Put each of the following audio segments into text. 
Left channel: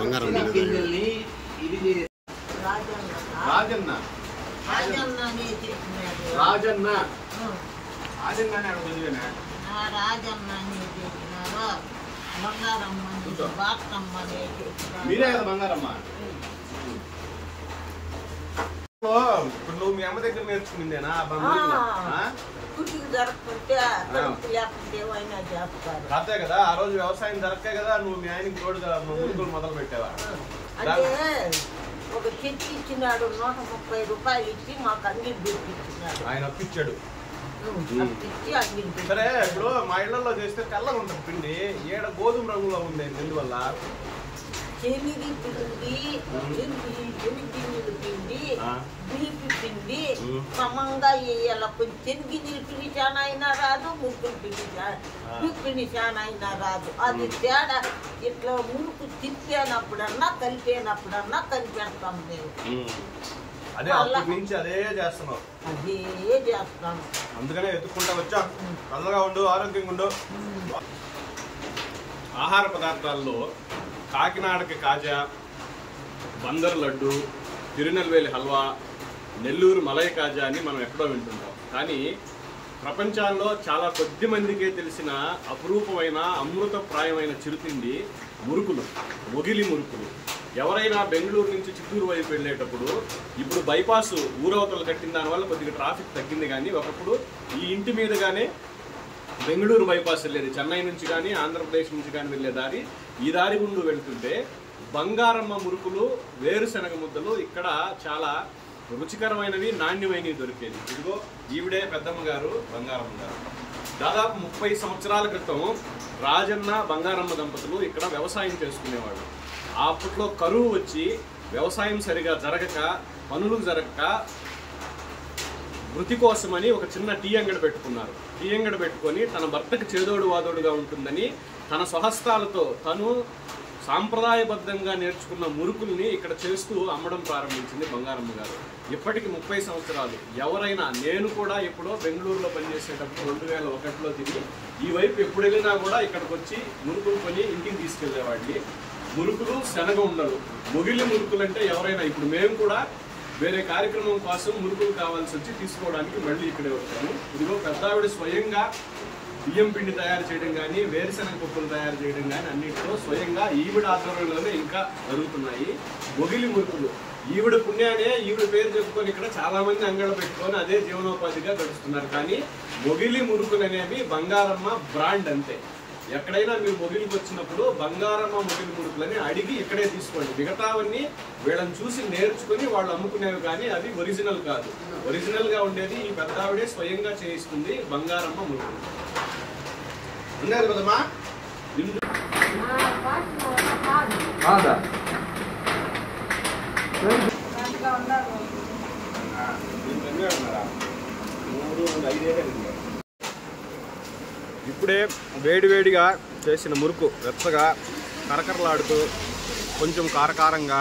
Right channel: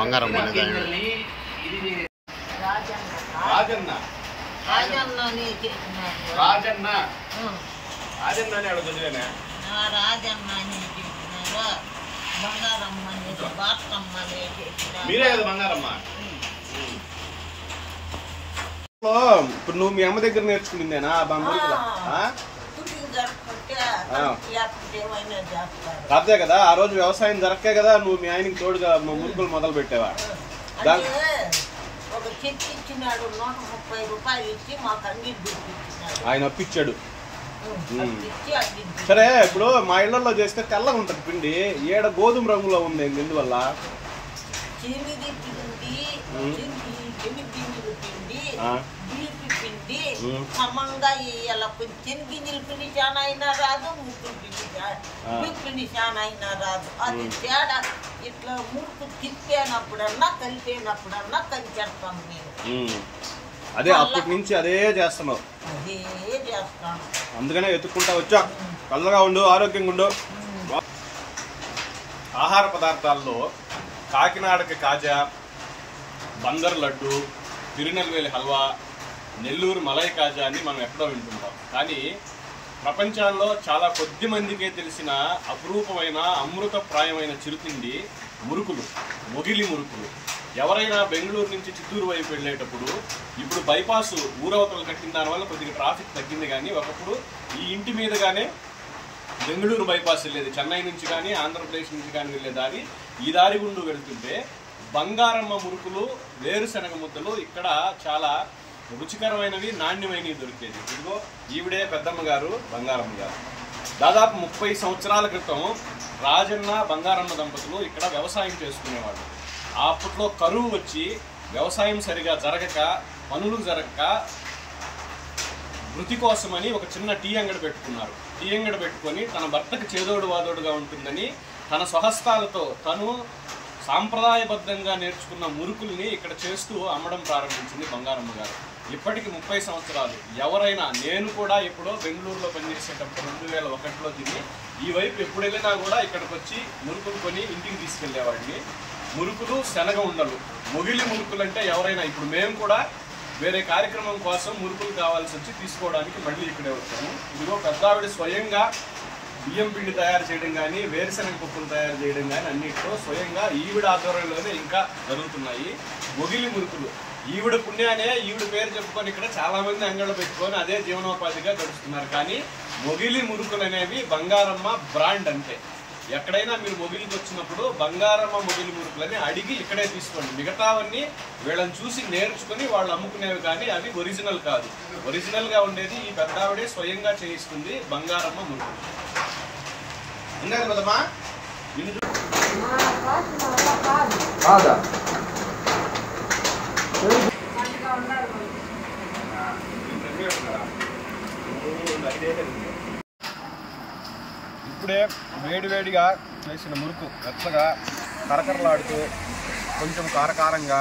బంగారం రాజన్న రాజన్న రాజన్న అడుగుతున్నా రాజన్న బంగారమ్మ బాటమ్మ మీరే కదా బంగారమ్మ. ఇప్పుడు నువ్వు మీ అమ్మ దగ్గర నేర్చుకునిందేనా? అదే కదా ఆ రోజు వ్యవసాయం జరగకే కదా నువ్వు మీ ఆయనకి తోడుగా మురుకులు మొదలు పెట్టావా? ఒక చెట్టు ఇచ్చినాడు 130 రూపాయలు ఇచ్చి మాకు అంగిడి ఇచ్చినాడు. ఆయన అప్పిచ్చాడు. సరే ఇప్పుడు మా ఇళ్లలో చేస్తే తెల్లగా ఉంటుంది పిండి, ఏడ గోధుమ రంగులో ఉంది. ఎందువల్ల? శనగి పిండి, శనగింజల పిండి, బీపీ పిండి సమంగా వేయాల. కొంచెం శనగింజల పిండి చాలా అయినా రాదు, ముక్కుల పిండి బీపీ పిండి చాలా అయినా రాదు. అది తేడా. ఇట్లా మురుకు తిప్పేనప్పుడన్నా కలిపేనప్పుడన్నా కనిపెడతాం మేము. అదే అప్పటి నుంచి అదే చేస్తున్నావు? అదే చేస్తాను. అందుకనే ఎత్తుకుంటా వచ్చా. చల్లగా ఉండు, ఆరోగ్యంగా ఉండు. ఆహార పదార్థాల్లో కాకినాడకి కాజా, బందర్ లడ్డు, తిరునెల్వేలి హల్వా, నెల్లూరు మలై కాజా అని మనం ఎక్కడో వింటుంటాం. కానీ ప్రపంచాల్లో చాలా కొద్ది మందికే తెలిసిన అపురూపమైన అమృతప్రాయమైన చిరుతిండి మురుకులు, మొగిలి మురుకులు. ఎవరైనా బెంగళూరు నుంచి చిత్తూరు వైపు వెళ్ళేటప్పుడు, ఇప్పుడు బైపాస్ ఊరవతలు కట్టిన దానివల్ల కొద్దిగా ట్రాఫిక్ తగ్గింది. కానీ ఒకప్పుడు ఈ ఇంటి మీదుగానే బెంగళూరు బైపాస్ వెళ్ళేది. చెన్నై నుంచి కానీ ఆంధ్రప్రదేశ్ నుంచి కానీ వెళ్ళే దారి, ఈ దారి గుండు వెళ్తుంటే బంగారమ్మ మురుకులు, వేరుశనగ ముద్దలు ఇక్కడ చాలా రుచికరమైనవి, నాణ్యమైనవి దొరికేది. ఇదిగో ఈవిడే పెద్దమ్మ గారు, బంగారమ్మ గారు. దాదాపు 30 సంవత్సరాల క్రితం రాజన్న బంగారమ్మ దంపతులు ఇక్కడ వ్యవసాయం చేసుకునేవాళ్ళు. అప్పట్లో కరువు వచ్చి వ్యవసాయం సరిగా జరగక, పనులు జరగక వృత్తి కోసమని ఒక చిన్న టీ అంగడి పెట్టుకున్నారు. టీ అంగడి పెట్టుకొని తన భర్తకు చేదోడు వాదోడుగా ఉంటుందని తన స్వహస్తాలతో తను సాంప్రదాయబద్ధంగా నేర్చుకున్న మురుకుల్ని ఇక్కడ చేస్తూ అమ్మడం ప్రారంభించింది బంగారమ్మ గారు. ఇప్పటికి 30 సంవత్సరాలు. ఎవరైనా, నేను కూడా ఎప్పుడో బెంగళూరులో పనిచేసేటప్పుడు 2001లో తిరిగి ఈ వైపు ఎప్పుడు వెళ్ళినా కూడా ఇక్కడికి వచ్చి మురుకులు కొని ఇంటికి తీసుకెళ్లేవాడిని. మురుకులు, శనగ ఉండలు, మొగిలి మురుకులు అంటే ఎవరైనా, ఇప్పుడు మేము కూడా వేరే కార్యక్రమం కోసం మురుకులు కావాల్సి వచ్చి తీసుకోవడానికి మళ్ళీ ఇక్కడే వచ్చాము. ఇదిగో పెద్దావిడ స్వయంగా బియ్యం పిండి తయారు చేయడం కానీ, వేరుశనగ పప్పులు తయారు చేయడం కానీ అన్నింటిలో స్వయంగా ఈవిడ ఆధ్వర్యంలోనే ఇంకా జరుగుతున్నాయి మొగిలి మురుకులు. ఈవిడ పుణ్యానే ఈవిడ పేరు చెప్పుకొని ఇక్కడ చాలా మంది అంగళ్ళు పెట్టుకొని అదే జీవనోపాధిగా గడుపుతున్నారు. కానీ మొగిలి మురుకులు అనేవి బంగారమ్మ బ్రాండ్ అంతే. ఎక్కడైనా మీరు మొగిలికి వచ్చినప్పుడు బంగారమ్మ మొగిలి మురుకులని అడిగి ఇక్కడే తీసుకోండి. మిగతావన్నీ వీళ్ళని చూసి నేర్చుకుని వాళ్ళు అమ్ముకునేవి, కానీ అవి ఒరిజినల్ కాదు. ఒరిజినల్గా ఉండేది ఈ పెద్దావిడే స్వయంగా చేయిస్తుంది బంగారమ్మ మురుకులు. అన్నారు కదమ్మా. ఇప్పుడే వేడివేడిగా చేసిన మురుకు వెచ్చగా కరకరలాడుతూ కొంచెం కారకారంగా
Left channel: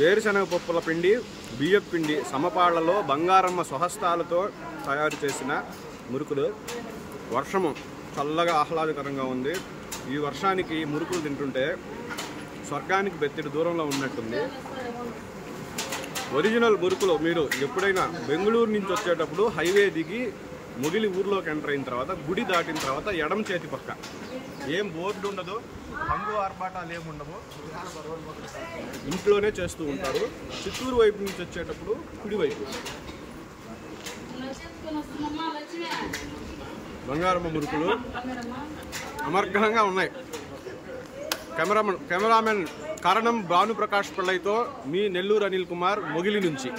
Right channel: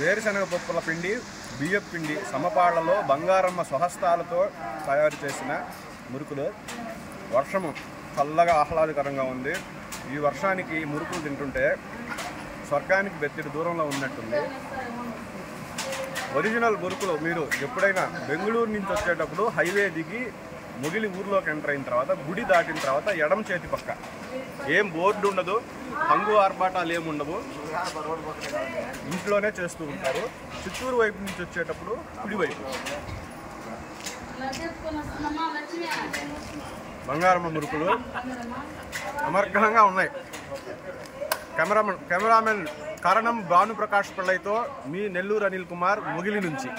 వేరుశనగ పప్పుల పిండి, బియ్యం పిండి సమపాళ్లలో బంగారమ్మ స్వహస్తాలతో తయారు చేసిన మురుకులు. వర్షము చల్లగా ఆహ్లాదకరంగా ఉంది. ఈ వర్షానికి మురుకులు తింటుంటే స్వర్గానికి బెత్తిడి దూరంలో ఉన్నట్టుంది. ఒరిజినల్ మురుకులు మీరు ఎప్పుడైనా బెంగళూరు నుంచి వచ్చేటప్పుడు హైవే దిగి మొగిలి ఊర్లోకి ఎంటర్ అయిన తర్వాత, గుడి దాటిన తర్వాత ఎడమ చేతి పక్క ఏం బోర్డు ఉండదు, హంగు ఆర్భాటాలు ఏముండవు, ఇంట్లోనే చేస్తూ ఉంటారు. చిత్తూరు వైపు నుంచి వచ్చేటప్పుడు కుడివైపు. బంగారమ్మ మురుకులు అమర్ఘనంగా ఉన్నాయి. కెమెరామెన్ కారణం భానుప్రకాష్ పిళ్ళైతో మీ నెల్లూరు అనిల్ కుమార్, మొగిలి నుంచి.